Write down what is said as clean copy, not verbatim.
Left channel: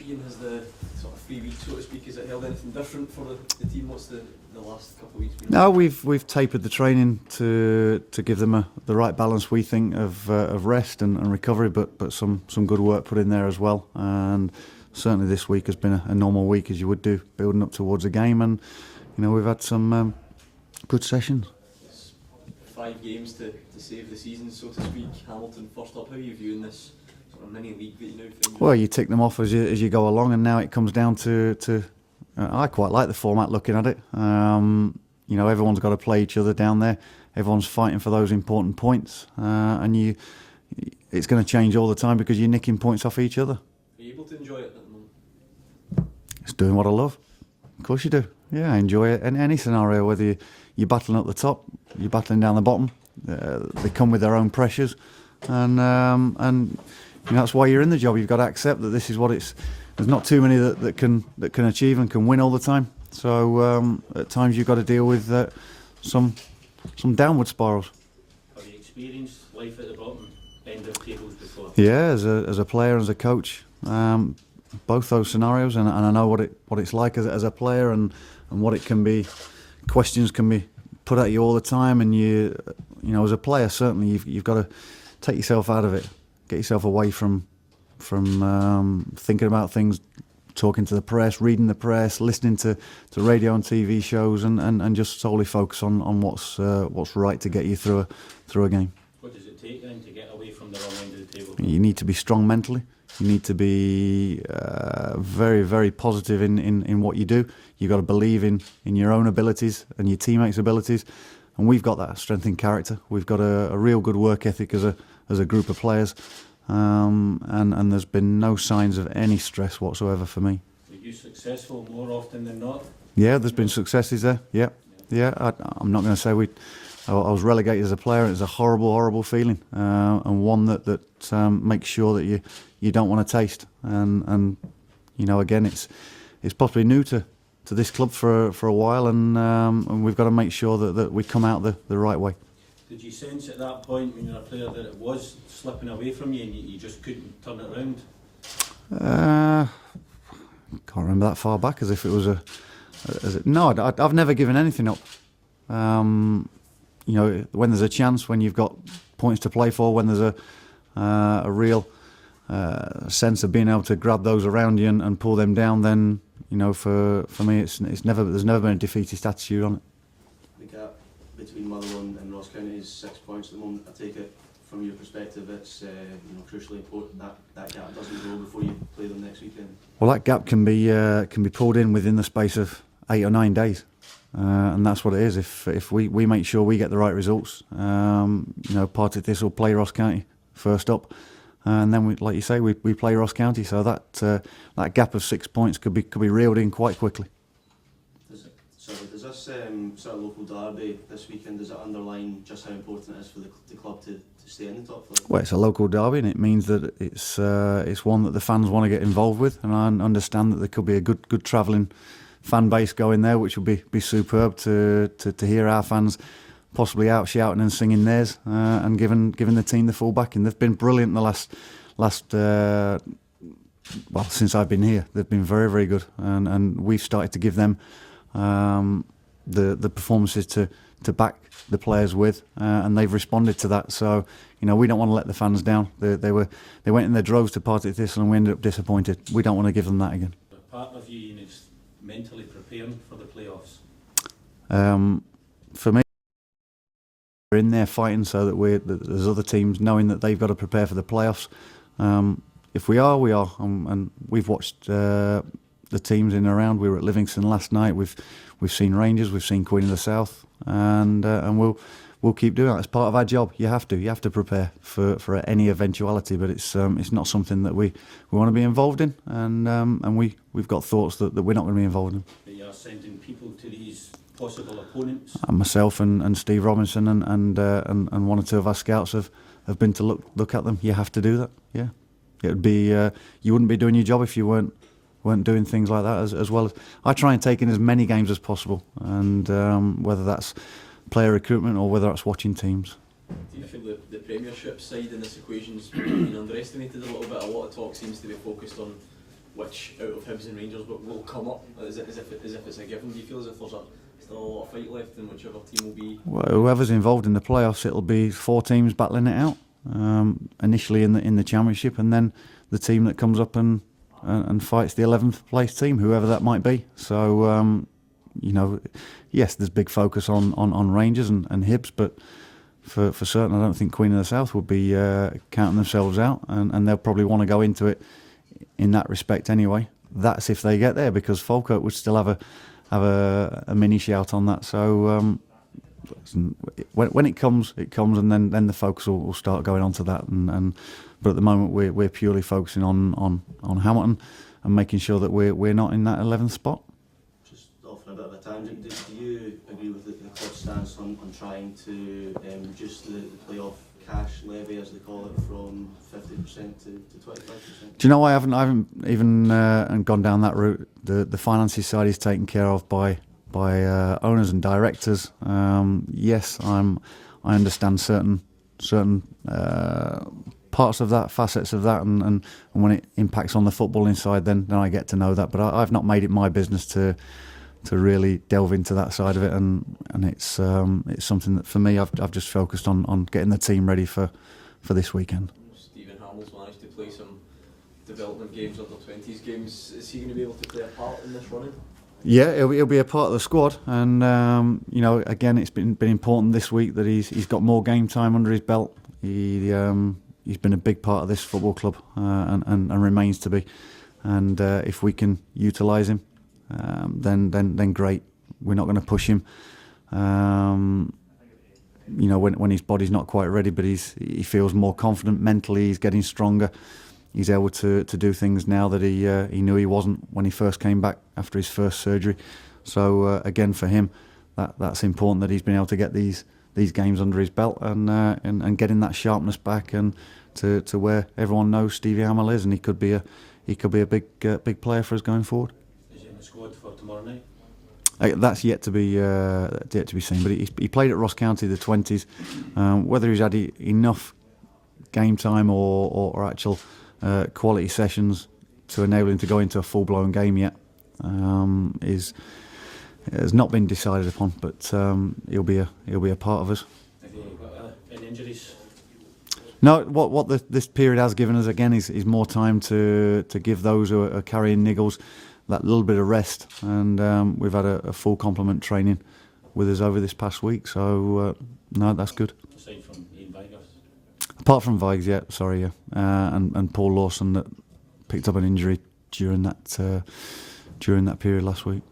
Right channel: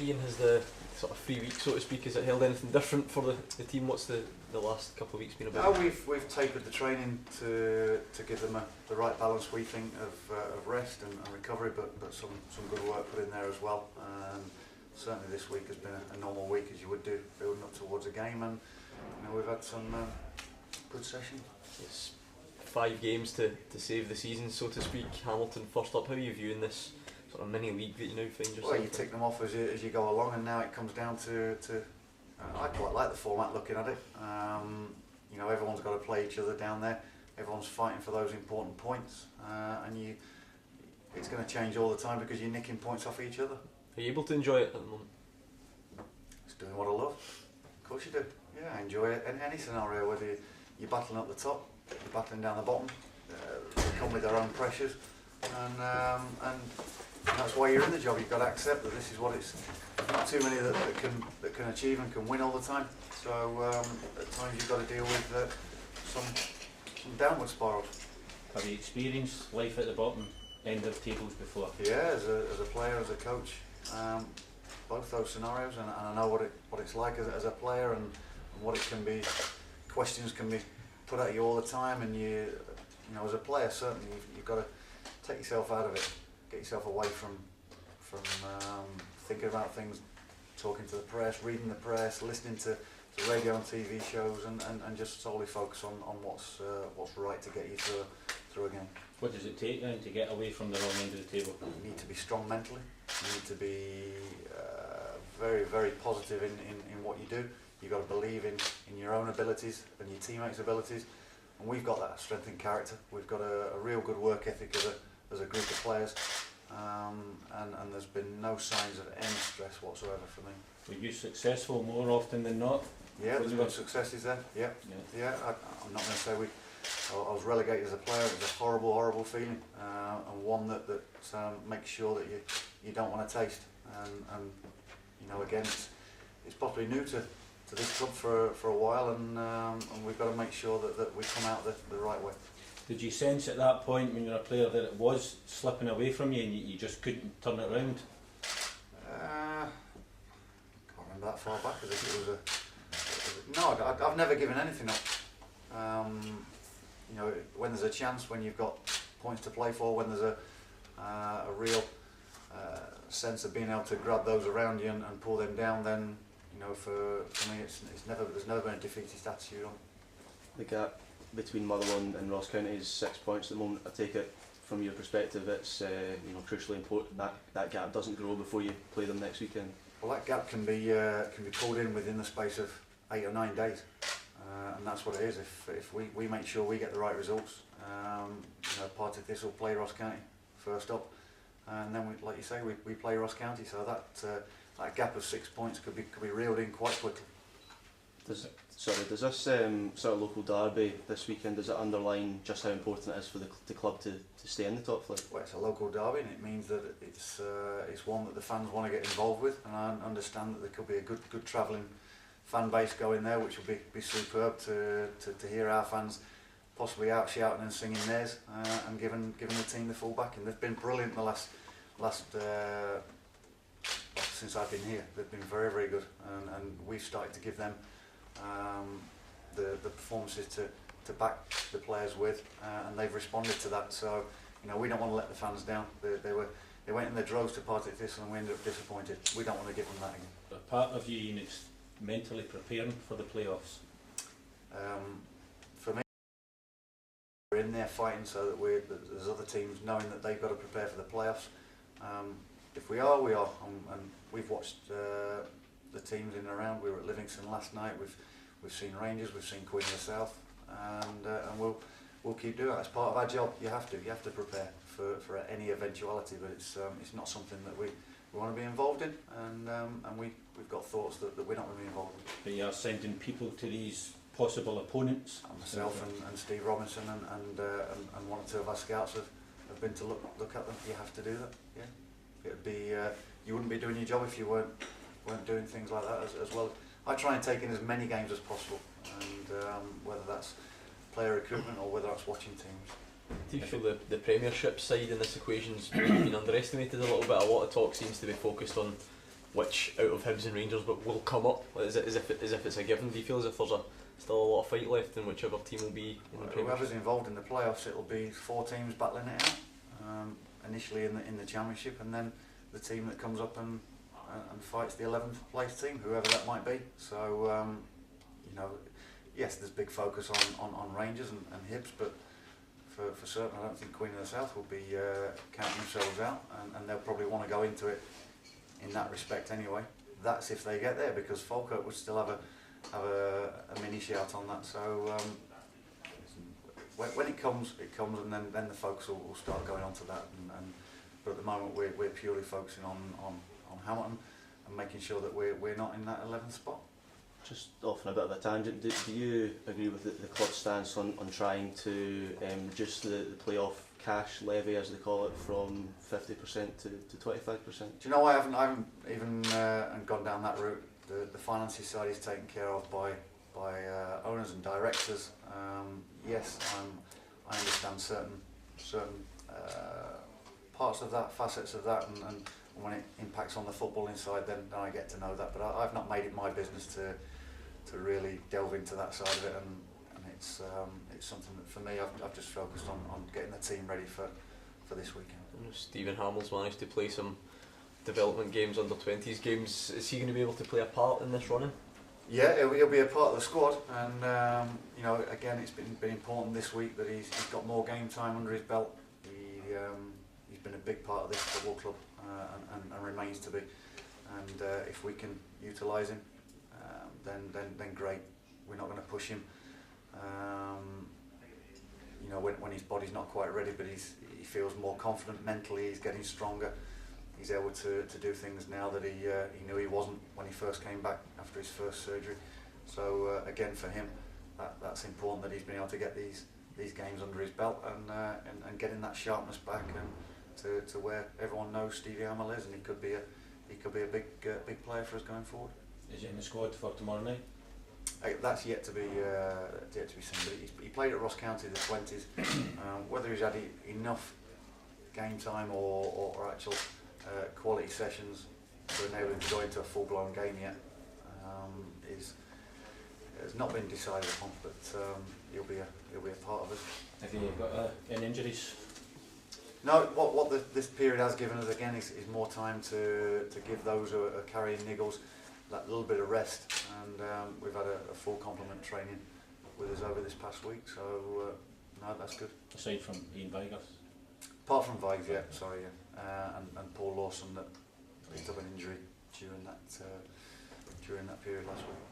Ian, has the sort of 3 weeks, so to speak, has it held anything different for the team? What's the last couple of weeks been about? No, we've tapered the training to give them the right balance, we think, of rest and recovery, but some good work put in there as well. And certainly this week has been a normal week, as you would do, building up towards a game, and we've had some good sessions. It's 5 games to save the season, so to speak. Hamilton first up. How are you viewing this sort of mini league that you now find? Well, you tick them off as you go along, and now it comes down to I quite like the format looking at it. Everyone's got to play each other down there. Everyone's fighting for those important points, and it's going to change all the time because you're nicking points off each other. Are you able to enjoy it at the moment? It's doing what I love. Of course you do. Yeah, I enjoy it. Any scenario, whether you're battling up the top, you're battling down the bottom, they come with their own pressures, and that's why you're in the job. You've got to accept that this is what it's. There's not too many that can achieve and can win all the time. So at times you've got to deal with some downward spirals. Have you experienced life at the bottom end of tables before? Yeah, as a player, as a coach, both those scenarios, and I know what it's like as a player and what it can be. Questions can be put at you all the time, and you as a player certainly you've got to take yourself out of it, get yourself away from thinking about things, talking to the press, reading the press, listening to radio and TV shows, and just solely focus on what's right to get you through a game. What does it take then to get away from the wrong end of the table? You need to be strong mentally. You need to be very, very positive in what you do. You've got to believe in your own abilities and your teammates' abilities, and we've got that strength in character. We've got a real good work ethic as a group of players. And there's been no signs of any stress whatsoever for me. Were you successful more often than not? Yeah, there's been successes there. Yeah. I'm not going to say I was relegated as a player. It was a horrible, horrible feeling, and one that makes sure that you don't want to taste. And again, it's possibly new to this club for a while, and we've got to make sure that we come out the right way. Did you sense at that point when you were a player that it was slipping away from you and you just couldn't turn it around? Can't remember that far back as if it was no, I've never given anything up. When there's a chance, when you've got points to play for, when there's a real sense of being able to grab those around you and pull them down, then for me there's never been a defeatist attitude on it. The gap between Motherwell and Ross County is 6 points at the moment. I take it from your perspective it's crucially important that gap doesn't grow before you play them next weekend. Well, that gap can be pulled in within the space of 8 or 9 days, and that's what it is. If we make sure we get the right results, Partick Thistle play Ross County first up, and then like you say, we play Ross County. So that gap of 6 points could be reeled in quite quickly. Does this sort of local derby this weekend, does it underline just how important it is for the club to stay in the top flight? Well, it's a local derby, and it means that it's one that the fans want to get involved with, and I understand that there could be a good travelling fan base going there, which would be superb to hear our fans possibly out shouting and singing theirs, and giving the team the full backing. They've been brilliant the last since I've been here. They've been very, very good, and we've started to give them the performances to back the players with, and they've responded to that. So we don't want to let the fans down. They went in their droves to Partick Thistle, and we ended up disappointed. We don't want to give them that again. A part of you is mentally preparing for the playoffs. For me, we're in there fighting so that there's other teams knowing that they've got to prepare for the playoffs. If we are, we are, and we've watched the teams in and around. We were at Livingston last night. We've seen Rangers, we've seen Queen of the South, and we'll keep doing that. It's part of our job. You have to prepare for any eventuality, but it's not something that we want to be involved in, and we've got thoughts that we're not going to be involved in. But you are sending people to these possible opponents. And myself and Steve Robinson and one or two of our scouts have been to look at them. You have to do that. Yeah, it'd be you wouldn't be doing your job if you weren't doing things like that as well. I try and take in as many games as possible, and whether that's player recruitment or whether that's watching teams. Do you feel the Premiership side in this equation's been underestimated a little bit? A lot of talk seems to be focused on which out of Hibs and Rangers but will come up? As if it's a given? Do you feel as if there's still a lot of fight left in whichever team will be? Well, whoever's involved in the playoffs, it'll be 4 teams battling it out. Initially in the championship, and then the team that comes up and fights the 11th place team, whoever that might be. So yes, there's big focus on Rangers and Hibs, but for certain, I don't think Queen of the South would be counting themselves out, and they'll probably want to go into it in that respect anyway. That's if they get there, because Falkirk would still have a mini shout on that. So when it comes, and then the focus will start going on to that. But at the moment, we're purely focusing on Hamilton and making sure that we're not in that 11th spot. Just off on a bit of a tangent, do you agree with the club's stance on trying to reduce the playoff cash levy, as they call it, from 50% to 25%? Do you know, I haven't even gone down that route. The finances side is taken care of by owners and directors. Yes, I understand certain parts of that, facets of that, and when it impacts on the footballing side, then I get to know that. But I've not made it my business to really delve into that side of it, and it's something that for me I've just focused on getting the team ready for this weekend. Stephen Hamill's managed to play some development games, under 20s games. Is he going to be able to play a part in this running? Yeah, he'll be a part of the squad, and again, it's been important this week that he's got more game time under his belt. He's been a big part of this football club, and remains to be. And if we can utilise him, then great. We're not going to push him. When his body's not quite ready, but he feels more confident mentally. He's getting stronger. He's able to do things now that he knew he wasn't when he first came back after his first surgery. So again, for him, that's important that he's been able to get these games under his belt and getting that sharpness back, and to where everyone knows Stevie Hamill is, and he could be a big player for us going forward. Is he in the squad for tomorrow night? That's yet to be seen. But he played at Ross County the 20s. Whether he's had enough game time or actual quality sessions to enable him to go into a full-blown game yet has not been decided upon. But he'll be a part of us. Have you got any injuries? No, what this period has given us again is more time to give those who are carrying niggles that little bit of rest, and we've had a full complement training with us over this past week, so no, that's good. Aside from Ian Vigors? Apart from Vigs, and Paul Lawson that picked up an injury during that period last week.